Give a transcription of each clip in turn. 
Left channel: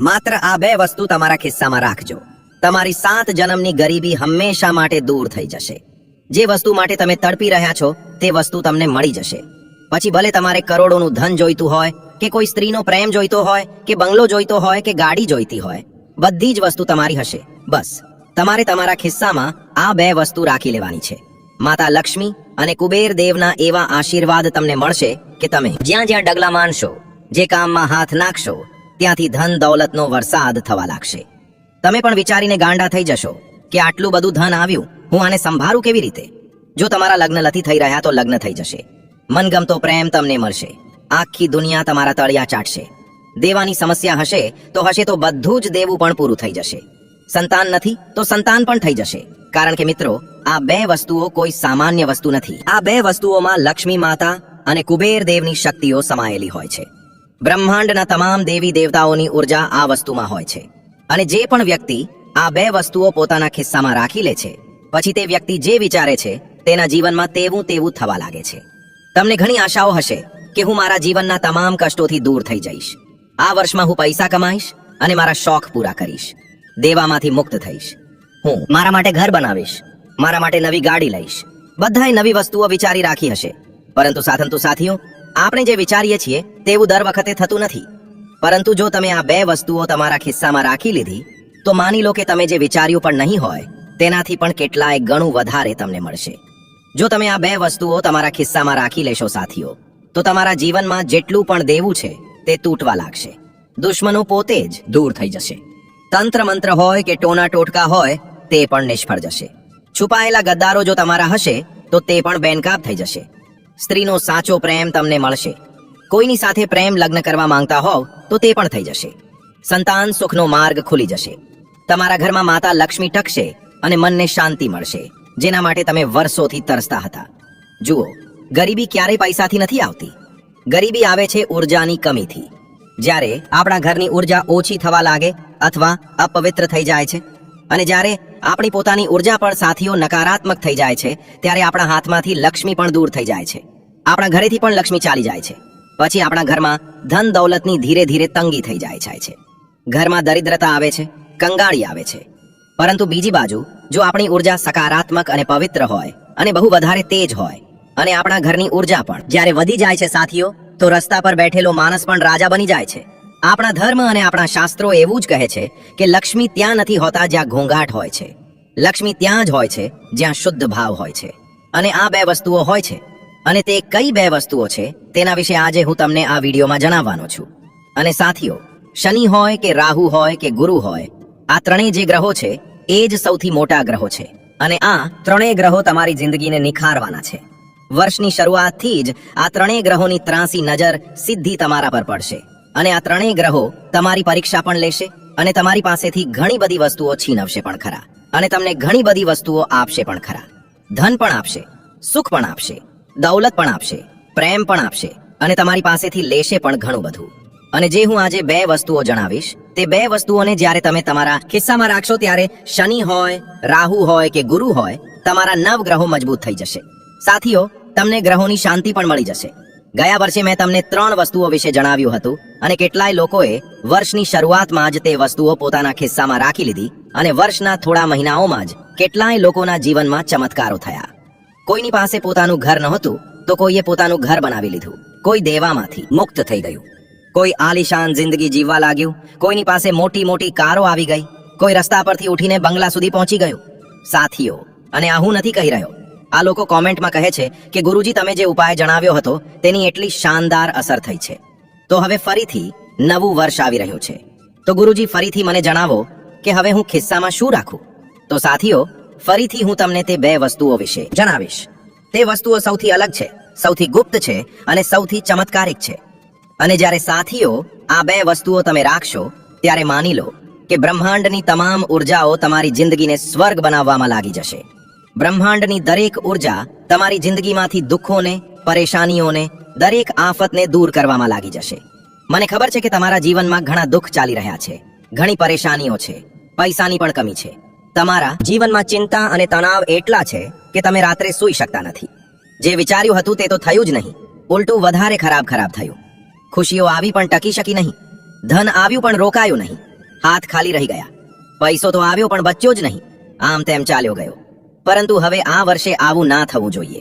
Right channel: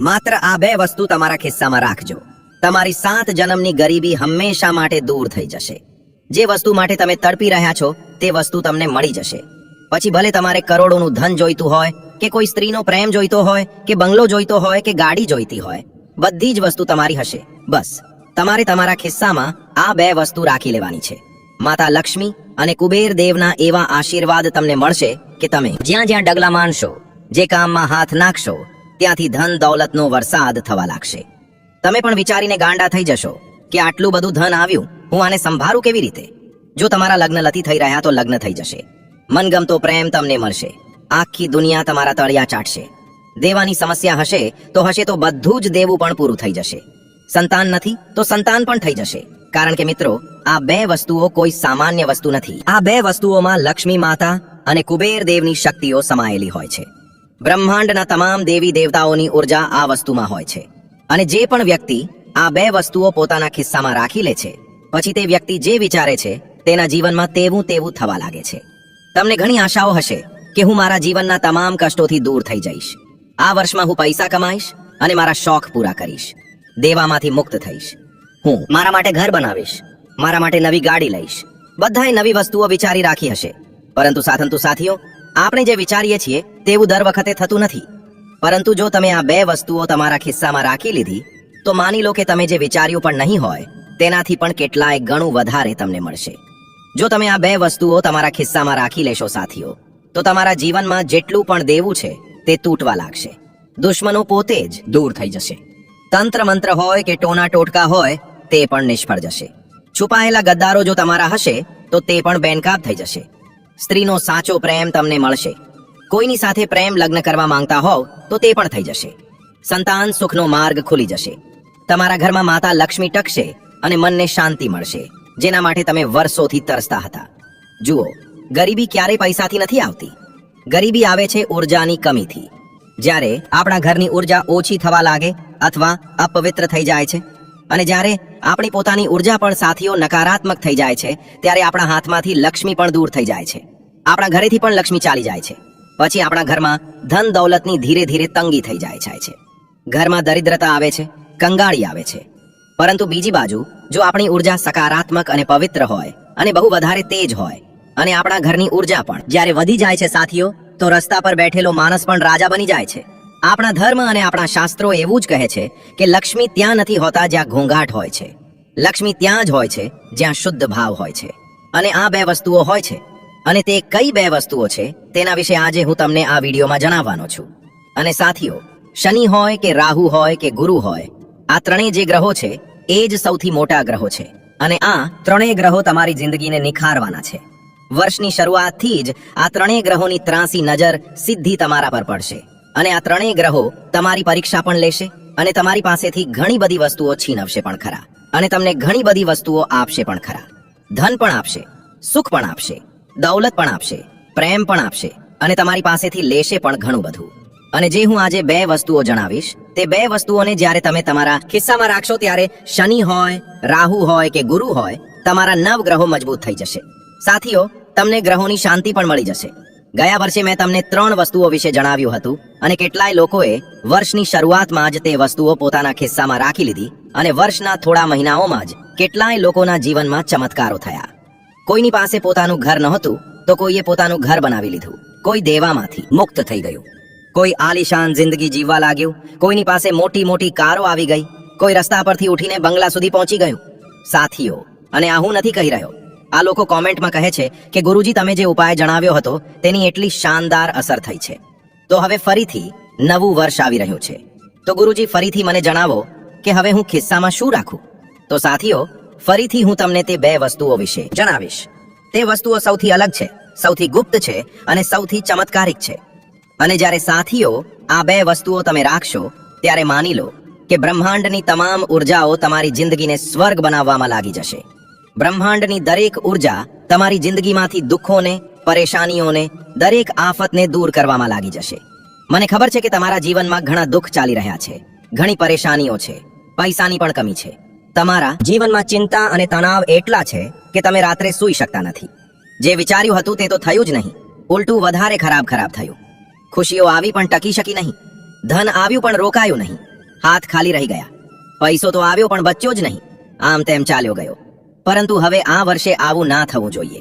માત્ર આ બે વસ્તુ તમારા ખિસ્સામાં રાખજો. તમારી સાત જન્મની ગરીબી હંમેશા માટે દૂર થઈ જશે. જે વસ્તુ માટે તમે તડપી રહ્યા છો, તે વસ્તુ તમને મળી જશે. પછી ભલે તમારે કરોડોનું ધન જોઈતું હોય, કે કોઈ સ્ત્રીનો પ્રેમ જોઈતો હોય, કે બંગલો જોઈતો હોય, કે ગાડી જોઈતી હોય, બધી જ વસ્તુ તમારી હશે. બસ. તમારે તમારા ખિસ્સામાં આ બે વસ્તુ રાખી લેવાની છે. માતા લક્ષ્મી અને કુબેર દેવના એવા આશીર્વાદ તમને મળશે કે તમે જ્યાં જ્યાં ડગલા માનશો, જે કામમાં હાથ નાખશો ત્યાંથી ધન દૌલતનો વરસાદ થવા લાગશે. તમે પણ વિચારીને ગાંડા થઈ જશો કે આટલું બધું ધન આવ્યું, હું આને સંભાળું કેવી રીતે? જો તમારા લગ્ન નથી થઈ રહ્યા તો લગ્ન થઈ જશે. મનગમતો પ્રેમ તમને મળશે. આખી દુનિયા તમારા તળિયા ચાટશે. દેવાની સમસ્યા હશે તો હશે તો બધું જ દેવું પણ પૂરું થઈ જશે. સંતાન નથી તો સંતાન પણ થઈ જશે. કારણ કે મિત્રો, આ બે વસ્તુઓ કોઈ સામાન્ય વસ્તુ નથી. આ બે વસ્તુઓમાં લક્ષ્મી માતા અને કુબેર દેવની શક્તિઓ સમાયેલી હોય છે. બ્રહ્માંડના તમામ દેવી દેવતાઓની ઊર્જા આ વસ્તુમાં હોય છે. અને જે પણ વ્યક્તિ આ બે વસ્તુઓ પોતાના ખિસ્સામાં રાખી લે છે, પછી તે વ્યક્તિ જે વિચારે છે, તેના જીવનમાં તેવું તેવું થવા લાગે છે. તમને ઘણી આશાઓ હશે કે હું મારા જીવનના તમામ કષ્ટોથી દૂર થઈ જઈશ. આ વર્ષમાં હું પૈસા કમાઈશ અને મારા શોખ પૂરા કરીશ. દેવામાંથી મુક્ત થઈશ. હું મારા માટે ઘર બનાવીશ. મારા માટે નવી ગાડી લઈશ. બધાએ નવી વસ્તુઓ વિચારી રાખી હશે. પરંતુ સાથંતુ સાથીઓ આપણે જે વિચારીએ છીએ, તેવું દર વખતે થતું નથી. પરંતુ જો તમે આ બે વસ્તુઓ તમારા ખિસ્સામાં રાખી લીધી, તો માની લો કે તમે જે વિચાર્યું પણ નહીં હોય, તેનાથી પણ કેટલાય ગણું વધારે તમને મળશે. જો તમે આ બે વસ્તુઓ તમારા ખિસ્સામાં રાખી લેશો સાથીઓ, તો તમારા જીવનમાં જેટલું પણ દેવું છે, તે તૂટવા લાગશે. દુશ્મનો પોતે જ દૂર થઈ જશે. તંત્ર મંત્ર હોય કે ટોના ટોટકા હોય, તે પણ નિષ્ફળ જશે. છુપાયેલા ગદ્દારો જો તમારા હશે, તો તે પણ બેનકાબ થઈ જશે. સ્ત્રીનો સાચો પ્રેમ તમને મળશે. કોઈની સાથે પ્રેમ લગ્ન કરવા માંગતા હોવ, તો તે પણ થઈ જશે. સંતાન સુખનો માર્ગ ખુલી જશે. તમારા ઘરમાં માતા લક્ષ્મી ટકશે અને મનને શાંતિ મળશે, જેના માટે તમે વર્ષોથી તરસતા હતા. જુઓ, ગરીબી ક્યારે પૈસાથી નથી આવતી? ગરીબી આવે છે ઉર્જાની કમીથી. જ્યારે આપણા ઘરની ઊર્જા ઓછી થવા લાગે અથવા અપવિત્ર થઈ જાય છે અને જ્યારે આપણી પોતાની ઊર્જા પણ સાથીઓ નકારાત્મક થઈ જાય છે, ત્યારે આપણા હાથમાંથી લક્ષ્મી પણ દૂર થઈ જાય છે. આપણા ઘરેથી પણ લક્ષ્મી ચાલી જાય છે. પછી આપણા ઘરમાં ધન દૌલતની ધીરે ધીરે તંગી થઈ જાય છે. ઘરમાં દરિદ્રતા આવે છે, કંગાળી આવે છે. પરંતુ બીજી બાજુ, જો આપણી ઊર્જા સકારાત્મક અને પવિત્ર હોય, અને બહુ વધારે તેજ હોય, અને આપણા ઘરની ઊર્જા પણ જ્યારે વધી જાય છે સાથીઓ, તો રસ્તા પર બેઠેલો માણસ પણ રાજા બની જાય છે. આપણા ધર્મ અને આપણા શાસ્ત્રો એવું જ કહે છે કે લક્ષ્મી ત્યાં નથી હોતા જ્યાં ઘોંઘાટ હોય છે. લક્ષ્મી ત્યાં જ હોય છે, જ્યાં શુદ્ધ ભાવ હોય છે. અને આ બે વસ્તુઓ હોય છે. અને તે કઈ બે વસ્તુઓ છે, તેના વિશે આજે હું તમને આ વિડીયોમાં જણાવવાનો છું. અને સાથીઓ, શનિ હોય કે રાહુ હોય કે ગુરુ હોય, આ ત્રણેય જે ગ્રહો છે, એ જ સૌથી મોટા ગ્રહો છે. અને આ ત્રણેય ગ્રહો તમારી જિંદગીને નિખારવાના છે. વર્ષની શરૂઆતથી જ આ ત્રણેય ગ્રહોની ત્રાસી નજર સીધી તમારા પર પડશે. અને આ ત્રણેય ગ્રહો તમારી પરીક્ષા પણ લેશે અને તમારી પાસેથી ઘણી બધી વસ્તુઓ છીનવશે પણ ખરા. અને તમને ઘણી બધી વસ્તુઓ આપશે પણ ખરા. ધન પણ આપશે, સુખ પણ આપશે, દૌલત પણ આપશે, પ્રેમ પણ આપશે અને તમારી પાસેથી લેશે પણ ઘણું બધું. અને જે હું આજે બે વસ્તુઓ જણાવીશ, તે બે વસ્તુઓને જ્યારે તમે તમારા ખિસ્સામાં રાખશો ત્યારે શનિ હોય, રાહુ હોય કે ગુરુ હોય, તમારા નવ ગ્રહો મજબૂત થઈ જશે. સાથીઓ, તમને ગ્રહોની શાંતિ પણ મળી જશે. ગયા વર્ષે મેં તમને ત્રણ વસ્તુઓ વિશે જણાવ્યું હતું અને કેટલાય લોકોએ વર્ષની શરૂઆતમાં જ તે વસ્તુઓ પોતાના ખિસ્સામાં રાખી લીધી અને વર્ષના થોડા મહિનાઓમાં જ કેટલાય લોકોના જીવનમાં ચમત્કારો થયા. કોઈની પાસે પોતાનું ઘર નહોતું તો કોઈએ પોતાનું ઘર બનાવી લીધું. કોઈ દેવામાંથી મુક્ત થઈ ગયું. કોઈ આલિશાન જિંદગી જીવવા લાગ્યું. કોઈની પાસે મોટી મોટી કારો આવી ગઈ. કોઈ રસ્તા પરથી ઉઠીને બંગલા સુધી પહોંચી ગયું. સાથીઓ, અને આ હું નથી કહી રહ્યો. આ લોકો કોમેન્ટમાં કહે છે કે ગુરુજી તમે જે ઉપાય જણાવ્યો હતો તેની એટલી શાનદાર અસર થઈ છે. તો હવે ફરીથી નવું વર્ષ આવી રહ્યું છે. તો ગુરુજી ફરીથી મને જણાવો કે હવે હું ખિસ્સામાં શું રાખું? તો સાથીઓ, ફરીથી હું તમને તે બે વસ્તુઓ વિશે જણાવીશ. તે વસ્તુઓ સૌથી અલગ છે, સૌથી ગુપ્ત છે અને સૌથી ચમત્કારિક છે. અને જ્યારે સાથીઓ આ બે વસ્તુઓ તમે રાખશો, ત્યારે માની લો કે બ્રહ્માંડની તમામ ઉર્જાઓ તમારી જિંદગીને સ્વર્ગ બનાવવામાં લાગી જશે. બ્રહ્માંડની દરેક ઊર્જા તમારી જિંદગીમાંથી દુઃખોને, પરેશાનીઓને, દરેક આફતને દૂર કરવામાં લાગી જશે. મને ખબર છે કે તમારા જીવનમાં ઘણા દુઃખ ચાલી રહ્યા છે. ઘણી પરેશાનીઓ છે. પૈસાની પણ કમી છે. તમારા જીવનમાં ચિંતા અને તણાવ એટલા છે કે તમે રાત્રે સૂઈ શકતા નથી. જે વિચાર્યું હતું તે તો થયું જ નહીં. ઉલટું વધારે ખરાબ ખરાબ થયું. ખુશીઓ આવી પણ ટકી શકી નહીં. ધન આવ્યું પણ રોકાયું નહીં. હાથ ખાલી રહી ગયા. પૈસો તો આવ્યો પણ બચ્યો જ નહીં. આમ તેમ ચાલ્યો ગયો. પરંતુ હવે આ વર્ષે આવું ના થવું જોઈએ.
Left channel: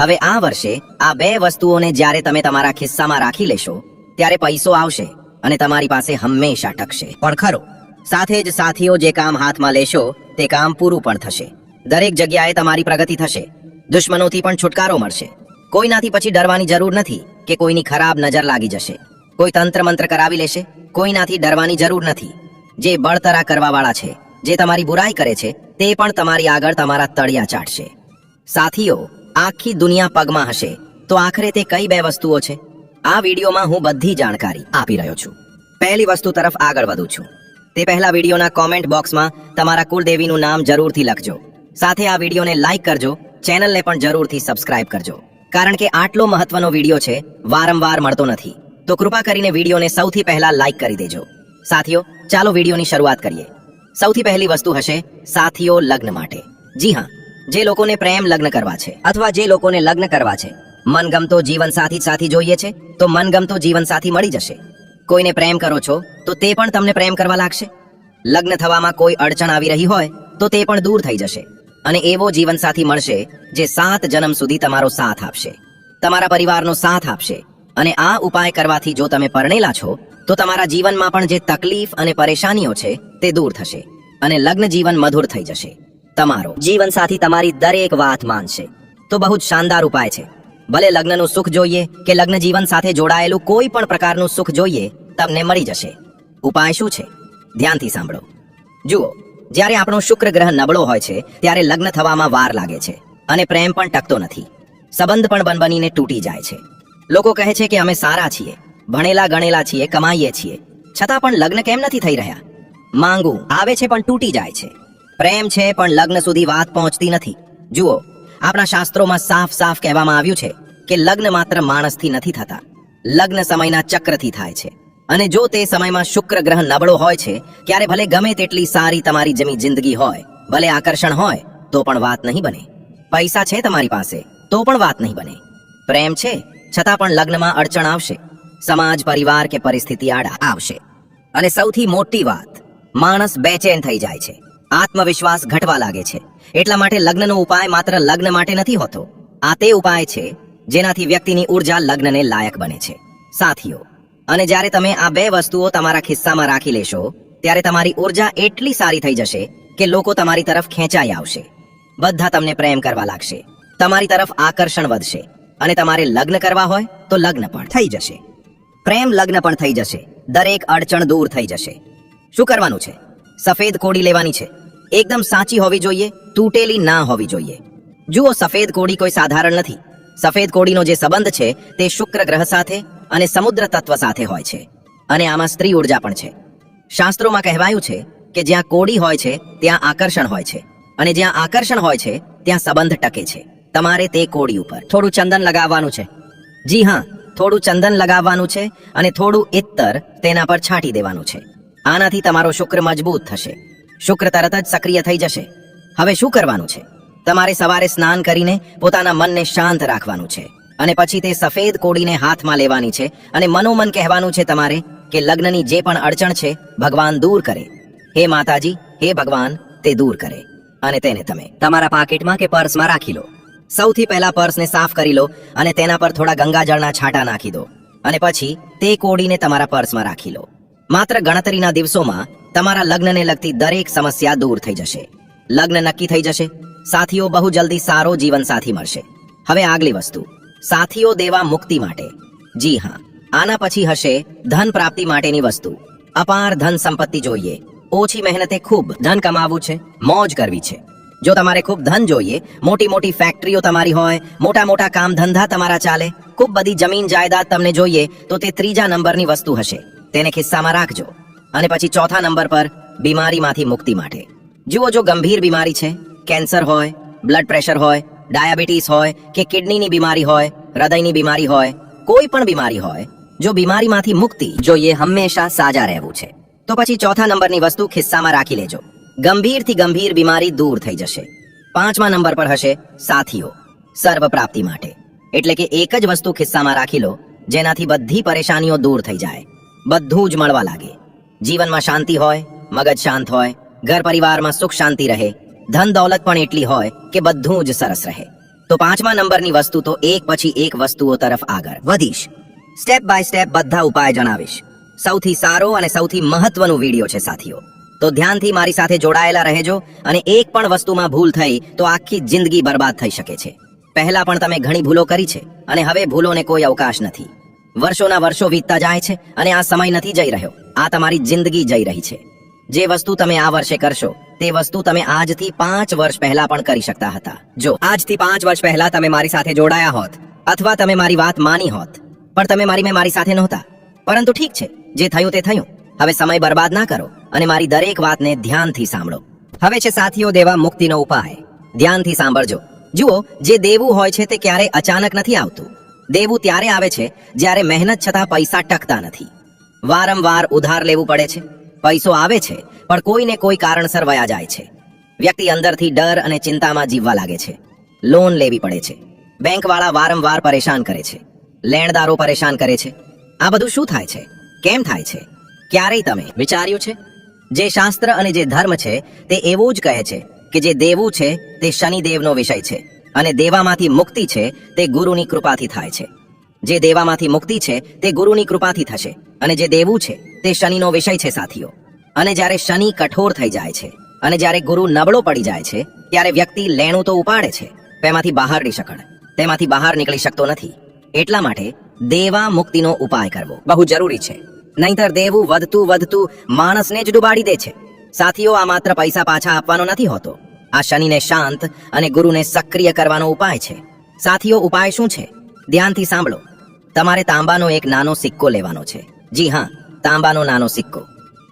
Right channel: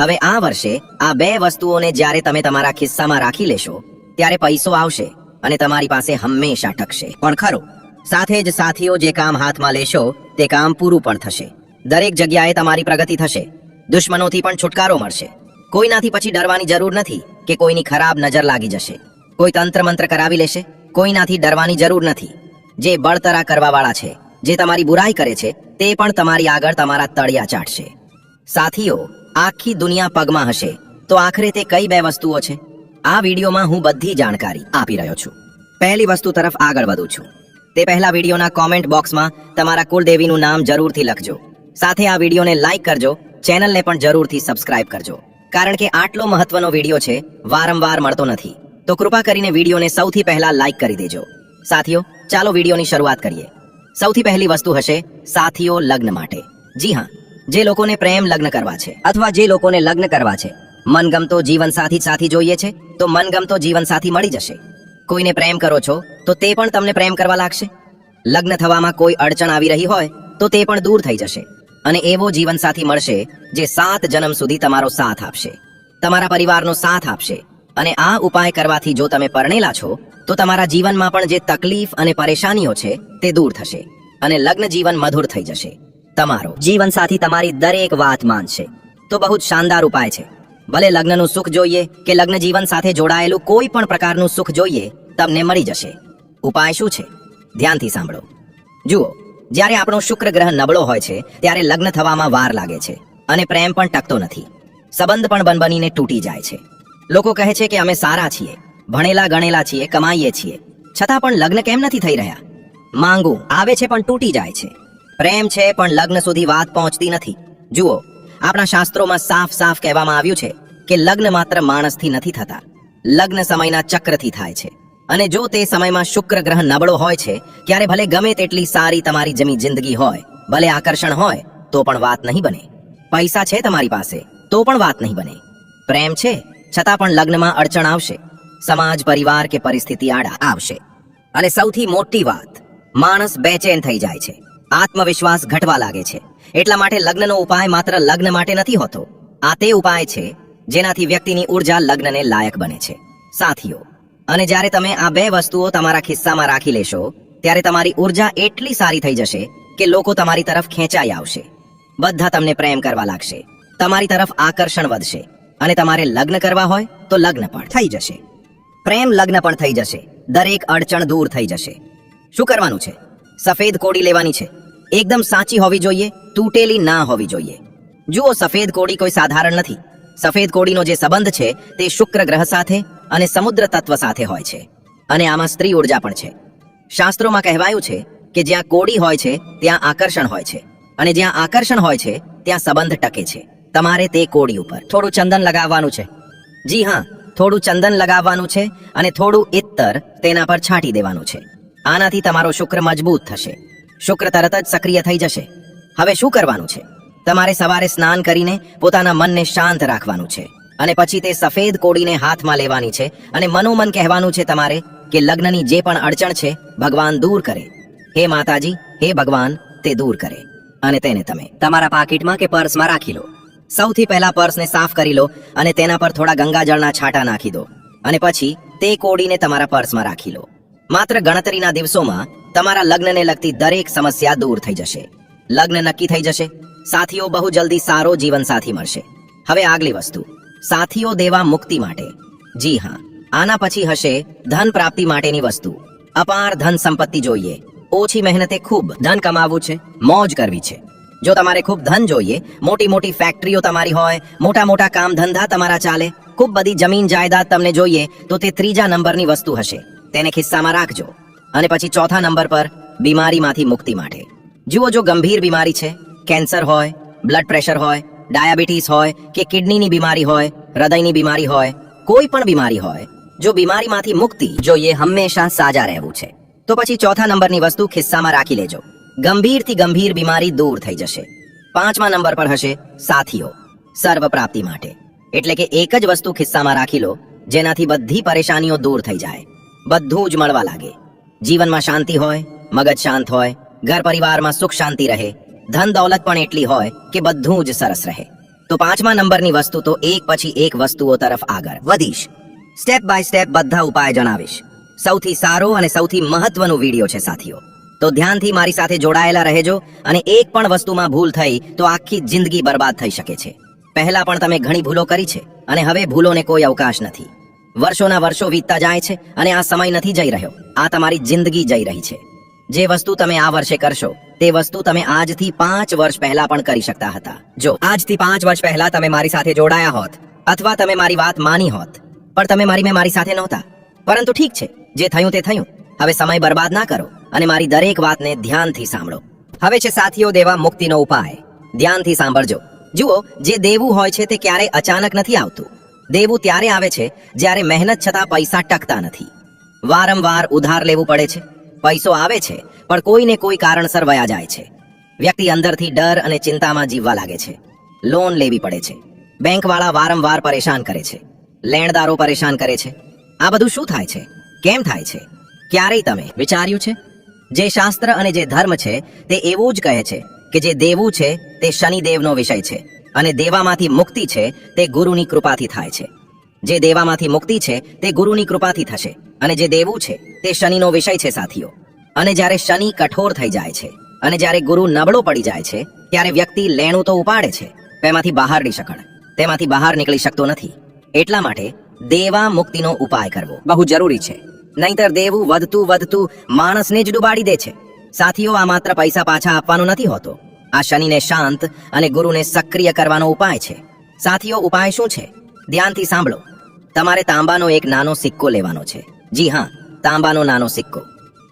હવે આ વર્ષે આ બે વસ્તુઓને જ્યારે તમે તમારા ખિસ્સામાં રાખી લેશો, ત્યારે પૈસો આવશે અને તમારી પાસે હંમેશા ટકશે. પણ ખરો, સાથે જ સાથીઓ જે કામ હાથમાં લેશો, તે કામ પૂરું પણ થશે. દરેક જગ્યાએ તમારી પ્રગતિ થશે. દુશ્મનોથી પણ છુટકારો મળશે. કોઈનાથી પછી ડરવાની જરૂર નથી કે કોઈની ખરાબ નજર લાગી જશે. કોઈ તંત્ર મંત્ર કરાવી લેશે. કોઈનાથી ડરવાની જરૂર નથી. જે બળતરા કરવાવાળા છે જે તમારી બુરાઈ કરે છે, તે પણ તમારી આગળ તમારા તળિયા ચાટશે. સાથીઓ, આખી દુનિયા પગમાં હશે, તો આખરે તે કઈ બે વસ્તુઓ છે? આ વિડીયોમાં હું બધી જાણકારી આપી રહ્યો છું. પહેલી વસ્તુ તરફ આગળ વધું છું. તે પહેલા વિડીયોના કોમેન્ટ બોક્સમાં તમારા કુળદેવીનું નામ જરૂરથી લખજો. સાથે આ વિડીયોને લાઈક કરજો, ચેનલને પણ જરૂરથી સબસ્ક્રાઇબ કરજો. કારણ કે આટલો મહત્વનો વીડિયો છે, વારંવાર મળતો નથી. તો કૃપા કરીને વિડીયોને સૌથી પહેલા લાઈક કરી દેજો. સાથીઓ, ચાલો વિડીયોની શરૂઆત કરીએ. સૌથી પહેલી વસ્તુ હશે સાથીઓ લગ્ન માટે. જી હા, જે લોકોને પ્રેમ લગ્ન કરવા છે અથવા જે લોકોને લગ્ન કરવા છે. મનગમતો જીવનસાથી સાથી જોઈએ છે, તો મનગમતો જીવનસાથી મળી જશે. કોઈને પ્રેમ કરો છો, તો તે પણ તમને પ્રેમ કરવા લાગશે. લગ્ન થવામાં કોઈ અડચણ આવી રહી હોય, તો તે પણ દૂર થઈ જશે. અને એવો જીવનસાથી મળશે, જે સાત જન્મ સુધી તમારો સાથ આપશે. તમારા પરિવારનો સાથ આપશે. અને આ ઉપાય કરવાથી જો તમે પરણેલા છો તો તમારા જીવનમાં પણ જે તકલીફ અને પરેશાનીઓ છે, તે દૂર થશે અને લગ્ન જીવન મધુર થઈ જશે. તમારો જીવનસાથી તમારી દરેક વાત માનશે તો બહુ જ શાનદાર ઉપાય છે. ભલે લગ્નનું સુખ જોઈએ કે લગ્ન જીવન સાથે જોડાયેલું કોઈ પણ પ્રકારનું સુખ જોઈએ, તમને મળી જશે. ઉપાય શું છે? ધ્યાનથી સાંભળો. જુઓ, જ્યારે આપણો શુક્ર ગ્રહ નબળો હોય છે, ત્યારે લગ્ન થવામાં વાર લાગે છે અને પ્રેમ પણ ટકતો નથી. સંબંધ પણ બનબનીને તૂટી જાય છે. લોકો કહે છે કે અમે સારા છીએ. ભણેલા ગણેલા છીએ, કમાઈએ છીએ. છતાં પણ લગ્ન કેમ નથી થઈ રહ્યા? માંગુ, આવે છે પણ તૂટી જાય છે. પ્રેમ છે પણ લગ્ન સુધી વાત પહોંચતી નથી. જુઓ, આપણા શાસ્ત્રોમાં સાફ સાફ કહેવામાં આવ્યું છે કે લગ્ન માત્ર માણસથી નથી થતા. લગ્ન સમયના ચક્રથી થાય છે. અને જો તે સમયમાં શુક્ર ગ્રહ નબળો હોય છે ત્યારે ભલે ગમે તેટલી સારી તમારી જમી જિંદગી હોય, ભલે આકર્ષણ હોય, તો પણ વાત નહીં બને. પૈસા છે તમારી પાસે, તો પણ વાત નહીં બને. પ્રેમ છે, છતાં પણ લગ્નમાં અડચણ આવશે. સમાજ પરિવાર કે પરિસ્થિતિ આડા આવશે. અને સૌથી મોટી વાત, માણસ બેચેન થઈ જાય છે. આત્મવિશ્વાસ ઘટવા લાગે છે. એટલા માટે લગ્નનો ઉપાય માત્ર લગ્ન માટે નથી હોતો. આ તે ઉપાય છે, જેનાથી વ્યક્તિની ઊર્જા લગ્નને લાયક બને છે. સાથીઓ, અને જ્યારે તમે આ બે વસ્તુઓ તમારા ખિસ્સામાં રાખી લેશો, ત્યારે તમારી ઊર્જા એટલી સારી થઈ જશે કે લોકો તમારી તરફ ખેંચાઈ આવશે. બધા તમને પ્રેમ કરવા લાગશે. તમારી તરફ આકર્ષણ વધશે. અને તમારે લગ્ન કરવા હોય તો લગ્ન પણ થઈ જશે. પ્રેમ લગ્ન પણ થઈ જશે. દરેક અડચણ દૂર થઈ જશે. શું કરવાનું છે? સફેદ કોડી લેવાની છે. એકદમ સાચી હોવી જોઈએ, તૂટેલી ના હોવી જોઈએ. જુઓ, સફેદ કોડી કોઈ સાધારણ નથી. સફેદ કોડીનો જે સંબંધ છે, તે શુક્ર ગ્રહ સાથે અને સમુદ્ર તત્વ સાથે હોય છે. અને આમાં સ્ત્રી ઊર્જા પણ છે. શાસ્ત્રોમાં કહેવાયું છે કે જ્યાં કોડી હોય છે, ત્યાં આકર્ષણ હોય છે. અને જ્યાં આકર્ષણ હોય છે, ત્યાં સંબંધ ટકે છે. તમારે તે કોડી ઉપર થોડું ચંદન લગાવવાનું છે. જી હા થોડું ચંદન લગાવવાનું છે અને થોડું ઇત્તર તેના પર છાંટી દેવાનું છે. આનાથી તમારો શુક્ર મજબૂત થશે. શુક્ર તરત જ સક્રિય થઈ જશે. હવે શું કરવાનું છે? તમારે સવારે સ્નાન કરીને પોતાના મનને શાંત રાખવાનું છે. અને પછી તે સફેદ કોડીને હાથમાં લેવાની છે અને મનોમન કહેવાનું છે તમારે કે લગ્નની જે પણ અડચણ છે, ભગવાન દૂર કરે. હે માતાજી, હે ભગવાન, તે દૂર કરે. અને તેને તમે તમારા પાકીટમાં કે પર્સમાં રાખી લો. સૌથી પહેલા પર્સને સાફ કરી લો અને તેના પર થોડા ગંગાજળના છાંટા નાખી દો. અને પછી તે કોડીને તમારા પર્સમાં રાખી લો. માત્ર ગણતરીના દિવસોમાં તમારા લગ્નને લગતી દરેક સમસ્યા દૂર થઈ જશે. લગ્ન નક્કી થઈ જશે. સાથીઓ, બહુ જલ્દી સારો જીવન સાથી મળશે. હવે આગલી વસ્તુ. સાથીઓ દેવા મુક્તિ માટે. જી હા, આના પછી હશે ધન પ્રાપ્તિ માટેની વસ્તુ. અપાર ધન સંપત્તિ જોઈએ. ઓછી મહેનતે ખૂબ ધન કમાવવું છે, મોજ કરવી છે. જો તમારે ખૂબ ધન જોઈએ, મોટી મોટી ફેક્ટરીઓ તમારી હોય, મોટા મોટા કામ ધંધા તમારા ચાલે, ખૂબ બધી જમીન જાયદાદ તમને જોઈએ, તો તે ત્રીજા નંબરની વસ્તુ હશે. તેને ખિસ્સામાં રાખજો. અને પછી ચોથા નંબર પર બીમારીમાંથી મુક્તિ માટે. જુઓ જો ગંભીર બીમારી છે, કેન્સર હોય, બ્લડ પ્રેશર હોય, ડાયાબિટીસ હોય, કે કિડનીની બીમારી હોય, હૃદયની બીમારી હોય, કોઈ પણ બીમારી હોય, જો બીમારીમાંથી મુક્તિ જોઈએ, હંમેશા સાજા રહેવું છે. તો પછી ચોથા નંબરની વસ્તુ ખિસ્સામાં રાખી લેજો. ગંભીરથી ગંભીર બીમારી દૂર થઈ જશે. પાંચમા નંબર પર હશે સાથીઓ સર્વ માટે. એટલે કે એક જ વસ્તુ ખિસ્સામાં રાખી લો, જેનાથી બધી પરેશાનીઓ દૂર થઈ જાય. બધું જ મળવા લાગે. જીવનમાં શાંતિ હોય, મગજ શાંત હોય ઘર પરિવારમાં સુખ શાંતિ રહે, ધન દૌલત પણ એટલી હોય કે બધું જ સરસ રહે. તો પાંચમા નંબરની વસ્તુ તો એક પછી એક વસ્તુઓ તરફ આગળ વધીશ. સ્ટેપ બાય સ્ટેપ બધા ઉપાય જણાવીશ. સૌથી સારો અને સૌથી મહત્વનો વીડિયો છે, સાથીઓ. તો ધ્યાનથી મારી સાથે જોડાયેલા રહેજો અને એક પણ વસ્તુમાં ભૂલ થઈ તો આખી જિંદગી બરબાદ થઈ શકે છે. પહેલા પણ તમે ઘણી ભૂલો કરી છે અને હવે ભૂલોને કોઈ અવકાશ નથી. વર્ષોના વર્ષો વીતતા જાય છે અને આ સમય નથી જઈ રહ્યો. આ તમારી જિંદગી જઈ રહી છે. જે વસ્તુ તમે આ વર્ષે કરશો, તે વસ્તુ તમે આજથી પાંચ વર્ષ પહેલા પણ કરી શકતા હતા. જો આજથી પાંચ વર્ષ પહેલા તમે મારી સાથે જોડાયા હોત, અથવા તમે મારી વાત માની હોત, પણ તમે મારી મેં મારી સાથે નહોતા. પરંતુ ઠીક છે, જે થયું તે થયું. હવે સમય બરબાદ ના કરો. અને મારી દરેક વાતને ધ્યાનથી સાંભળો. હવે છે સાથીઓ, દેવા મુક્તિનો ઉપાય. ધ્યાનથી સાંભળજો. જુઓ, જે દેવું હોય છે તે ક્યારે અચાનક નથી આવતું. દેવું ત્યારે આવે છે જ્યારે મહેનત છતાં પૈસા ટકતા નથી. વારંવાર ઉધાર લેવું પડે છે. પૈસો આવે છે, પણ કોઈને કોઈ કારણસર વયા જાય છે. વ્યક્તિ અંદરથી ડર અને ચિંતામાં જીવવા લાગે છે. લોન લેવી પડે છે. બેંકવાળા વારંવાર પરેશાન કરે છે. લેણદારો પરેશાન કરે છે. આ બધું શું થાય છે? કેમ થાય છે? ક્યારેય તમે વિચાર્યું છે? જે શાસ્ત્ર અને જે ધર્મ છે, તે એવું જ કહે છે કે જે દેવું છે, તે શનિદેવનો વિષય છે અને દેવામાંથી મુક્તિ છે, તે ગુરુની કૃપાથી થાય છે. જે દેવામાંથી મુક્તિ છે, તે ગુરુની કૃપાથી થશે અને જે દેવું છે, તે શનિનો વિષય છે સાથીઓ. અને જ્યારે શનિ કઠોર થઈ જાય છે અને જ્યારે ગુરુ નબળો પડી જાય છે, ત્યારે વ્યક્તિ લેણું તો ઉપાડે છે, તેમાંથી બહાર નહીં શકડ તેમાંથી બહાર નીકળી શકતો નથી. એટલા માટે દેવા મુક્તિનો ઉપાય કરવો બહુ જરૂરી છે. નહીતર દેવું, વધતું વધતું માણસને જ ડૂબાડી દે છે. સાથીઓ, આ માત્ર પૈસા પાછા આપવાનો નથી હોતો. આ શનિને શાંત અને ગુરુને સક્રિય કરવાનો ઉપાય છે. સાથીઓ, ઉપાય શું છે? ધ્યાનથી સાંભળો. તમારે તાંબાનો એક નાનો સિક્કો લેવાનો છે. જી હા, તાંબાનો નાનો સિક્કો.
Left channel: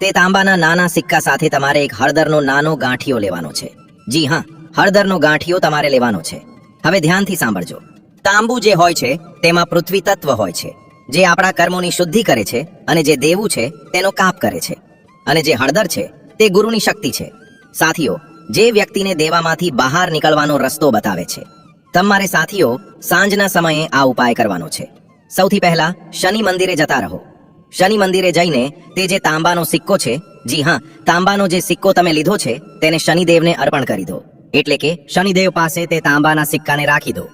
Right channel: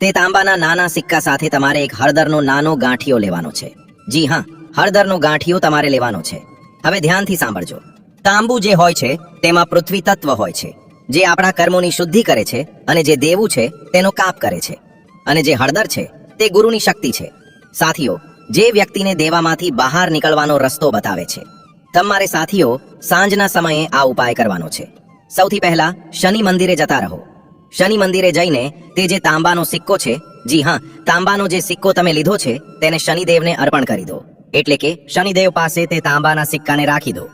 તે તાંબાના નાના સિક્કા સાથે તમારે એક હળદરનો નાનો ગાંઠિયો લેવાનો છે. જી હા, હળદરનો ગાંઠિયો તમારે લેવાનો છે. હવે ધ્યાનથી સાંભળજો. તાંબુ જે હોય છે, તેમાં પૃથ્વી તત્વ હોય છે. જે આપણા કર્મોની શુદ્ધિ કરે છે અને જે દેવું છે તેનો કાપ કરે છે. અને જે હળદર છે તે ગુરુની શક્તિ છે. સાથીઓ, જે વ્યક્તિને દેવામાંથી બહાર નીકળવાનો રસ્તો બતાવે છે, તમારે સાથીઓ, સાંજના સમયે આ ઉપાય કરવાનો છે. સૌથી પહેલા શનિ મંદિરે જતા રહો. શનિ મંદિરે જઈને તે જે તાંબાનો સિક્કો છે, જી હા, તાંબાનો જે સિક્કો તમે લીધો છે, તેને શનિદેવને અર્પણ કરી દો. એટલે કે શનિદેવ પાસે તે તાંબાના સિક્કાને રાખી દો.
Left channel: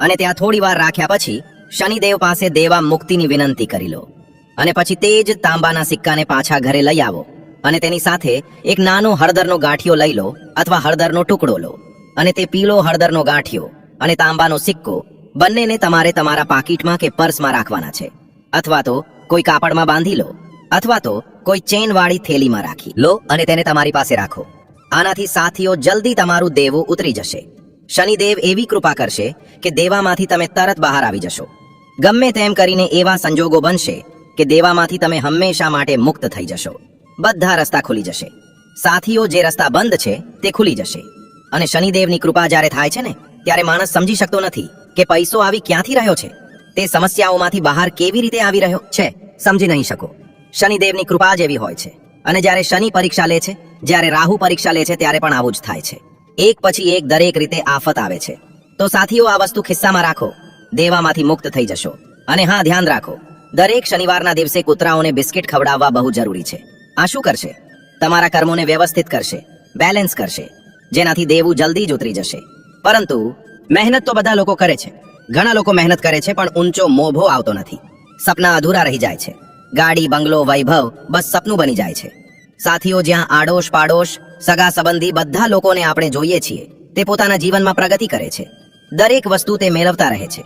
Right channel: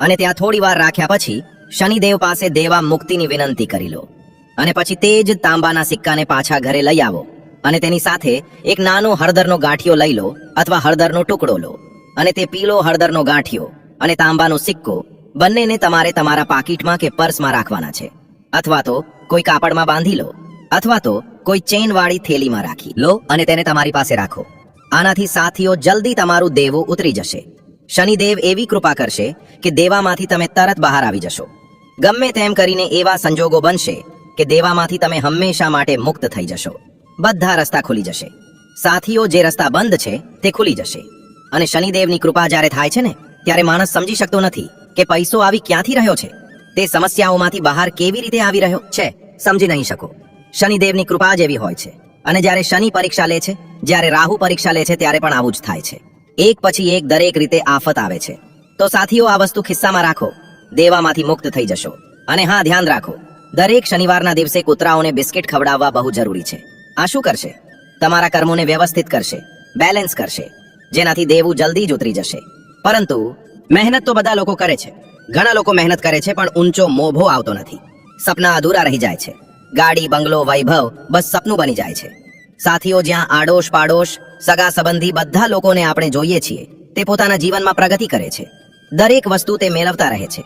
અને ત્યાં થોડી વાર રાખ્યા પછી શનિદેવ પાસે દેવા મુક્તિની વિનંતી કરી લો અને પછી તે જ તાંબાના સિક્કાને પાછા ઘરે લઈ આવો અને તેની સાથે એક નાનો હળદરનો ગાંઠિયો લઈ લો અથવા હળદરનો ટુકડો લો અને તે પીળો હળદરનો ગાંઠિયો અને તાંબાનો સિક્કો બંનેને તમારે તમારા પાકીટમાં કે પર્સમાં રાખવાના છે. અથવા તો કોઈ કાપડમાં બાંધી લો અથવા તો કોઈ ચેન વાળી થેલીમાં રાખી લો અને તેને તમારી પાસે રાખો. આનાથી સાથીઓ, જલ્દી તમારું દેવું ઉતરી જશે. શનિદેવ એવી કૃપા કરશે કે દેવામાંથી તમે તરત બહાર આવી જશો. ગમે તેમ કરીને એવા સંજોગો બનશે કે દેવામાંથી તમે હંમેશા માટે મુક્ત થઈ જશો. બધા રસ્તા ખુલી જશે. સાથીઓ, જે રસ્તા બંધ છે, તે ખુલી જશે. અને શનિદેવની કૃપા જ્યારે થાય છે ને, ત્યારે માણસ સમજી શકતો નથી કે પૈસો આવી ક્યાંથી રહ્યો છે. તે સમસ્યાઓમાંથી બહાર કેવી રીતે આવી રહ્યો છે, સમજી નહીં શકો. શનિદેવની કૃપા જ એવી હોય છે. અને જ્યારે શનિ પરીક્ષા લે છે, જ્યારે રાહુ પરીક્ષા લે છે, ત્યારે પણ આવું જ થાય છે. એક પછી એક દરેક રીતે આફત આવે છે. તો સાથીઓ, આ વસ્તુ ખિસ્સામાં રાખો. દેવામાંથી મુક્ત થઈ જશો. અને હા, ધ્યાન રાખો. દરેક શનિવારના દિવસે કૂતરાઓને બિસ્કિટ ખવડાવવા બહુ જરૂરી છે. આ શું કરશે? તમારા કર્મોને વ્યવસ્થિત કરશે. બેલેન્સ કરશે. જેનાથી દેવું જલ્દી જ ઉતરી જશે. પરંતુ મહેનત તો બધા લોકો કરે છે. ઘણા લોકો મહેનત કરે છે, પણ ઊંચો મોભો આવતો નથી. સપના અધૂરા રહી જાય છે. ગાડી, બંગલો, વૈભવ બસ સપનું બની જાય છે. સાથીઓ, જ્યાં આડોશ પાડોશ, સગા સંબંધી બધા લોકોને આપણે જોઈએ છીએ, તે પોતાના જીવનમાં પ્રગતિ કરે છે. દરેક વસ્તુ તે મેળવતા રહે છે.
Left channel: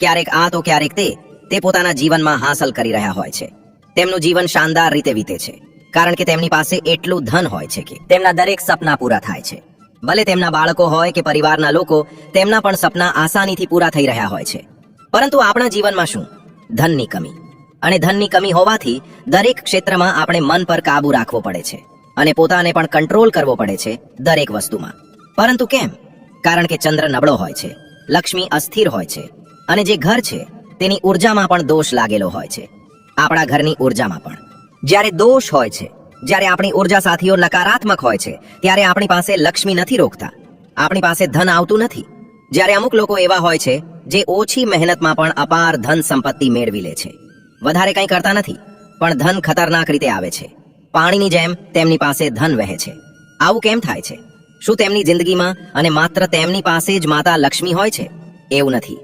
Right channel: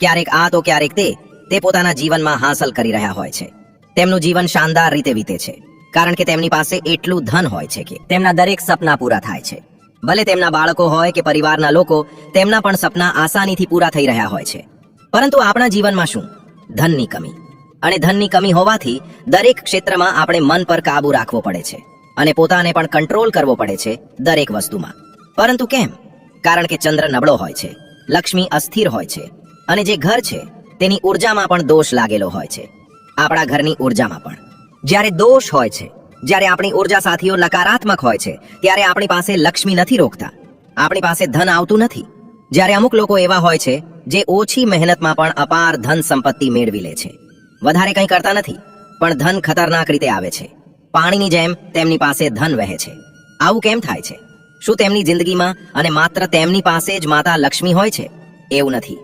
ક્યારેક આ તો ક્યારેક તે તે પોતાના જીવનમાં હાંસલ કરી રહ્યા હોય છે. તેમનું જીવન શાનદાર રીતે વીતે છે. કારણ કે તેમની પાસે એટલું ધન હોય છે કે તેમના દરેક સપના પૂરા થાય છે. ભલે તેમના બાળકો હોય કે પરિવારના લોકો, તેમના પણ સપના આસાનીથી પૂરા થઈ રહ્યા હોય છે. પરંતુ આપણા જીવનમાં શું? ધનની કમી. અને ધનની કમી હોવાથી દરેક ક્ષેત્રમાં આપણે મન પર કાબુ રાખવો પડે છે અને પોતાને પણ કંટ્રોલ કરવો પડે છે દરેક વસ્તુમાં. પરંતુ કેમ? કારણ કે ચંદ્ર નબળો હોય છે, લક્ષ્મી અસ્થિર હોય છે, અને જે ઘર છે, તેની ઉર્જામાં પણ દોષ લાગેલો હોય છે. આપણા ઘરની ઉર્જામાં પણ. જ્યારે દોષ હોય છે, જ્યારે આપણી ઊર્જા સાથીઓ નકારાત્મક હોય છે, ત્યારે આપણી પાસે લક્ષ્મી નથી રોકતા. આપણી પાસે ધન આવતું નથી. જ્યારે અમુક લોકો એવા હોય છે, જે ઓછી મહેનતમાં પણ અપાર ધન સંપત્તિ મેળવી લે છે. વધારે કંઈ કરતા નથી, પણ ધન ખતરનાક રીતે આવે છે. પાણીની જેમ તેમની પાસે ધન વહે છે. આવું કેમ થાય છે? શું તેમની જિંદગીમાં અને માત્ર તેમની પાસે જ માતા લક્ષ્મી હોય છે? એવું નથી.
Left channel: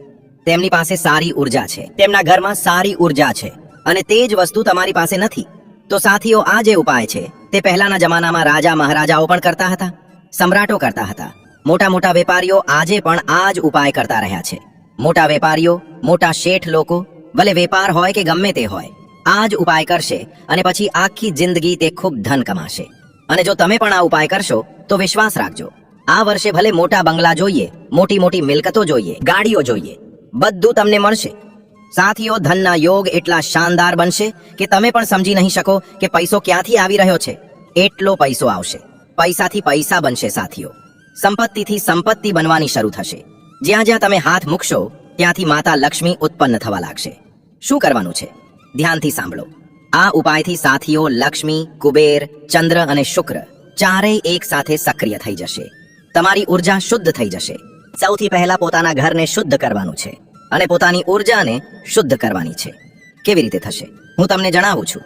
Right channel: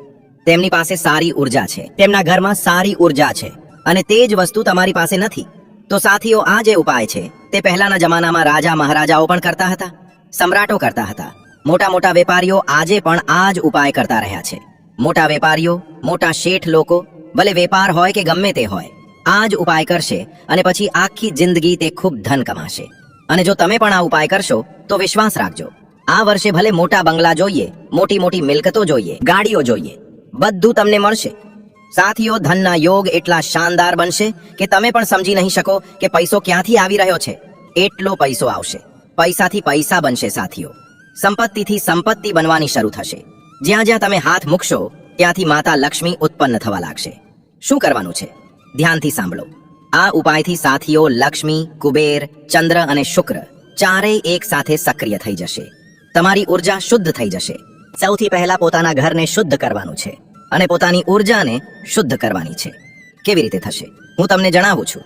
તેમની પાસે સારી ઊર્જા છે. તેમના ઘરમાં સારી ઊર્જા છે. અને તે જ વસ્તુ તમારી પાસે નથી. તો સાથીઓ, આ જે ઉપાય છે, તે પહેલાના જમાનામાં રાજા મહારાજાઓ પણ કરતા હતા. સમ્રાટો કરતા હતા. મોટા મોટા વેપારીઓ આજે પણ આ જ ઉપાય કરતા રહ્યા છે. મોટા વેપારીઓ, મોટા શેઠ લોકો ભલે વેપાર હોય કે ગમે તે હોય, આ જ ઉપાય કરશે અને પછી આખી જિંદગી તે ખૂબ ધન કમાશે. અને જો તમે પણ આ ઉપાય કરશો, તો વિશ્વાસ રાખજો. આ વર્ષે ભલે મોટા બંગલા જોઈએ, મોટી મોટી મિલકતો જોઈએ, ગાડીઓ જોઈએ, બધું તમને મળશે. સાથીઓ, ધનના યોગ એટલા શાનદાર બનશે કે તમે પણ સમજી નહીં શકો કે પૈસો ક્યાંથી આવી રહ્યો છે. એટલો પૈસો આવશે. પૈસાથી પૈસા બનશે, સાથીઓ. સંપત્તિથી સંપત્તિ બનવાની શરૂ થશે. જ્યાં જ્યાં તમે હાથ મૂકશો, ત્યાંથી માતા લક્ષ્મી ઉત્પન્ન થવા લાગશે. શું કરવાનું છે? ધ્યાનથી સાંભળો. આ ઉપાયથી સાથીઓ લક્ષ્મી, કુબેર, ચંદ્ર અને શુક્ર ચારેય એક સાથે સક્રિય થઈ જશે. તમારી ઊર્જા શુદ્ધ થઈ જશે. સૌથી પહેલા પોતાના ઘરને શુદ્ધ કરવાનું છે અને પોતાની ઉર્જાને શુદ્ધ કરવાની છે. કેવી રીતે થશે? હું તમને જણાવું છું.